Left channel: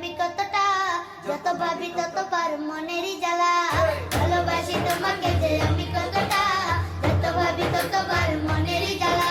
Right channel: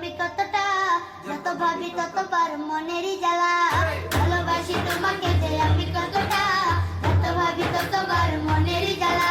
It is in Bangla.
আমি কতটা, যত ভাবি ততবার মনেরই জ্বালা। ভালোবাসি তোমাকে যে আমি কতটা, যত ভাবি ততবার মনেরই জ্বালা।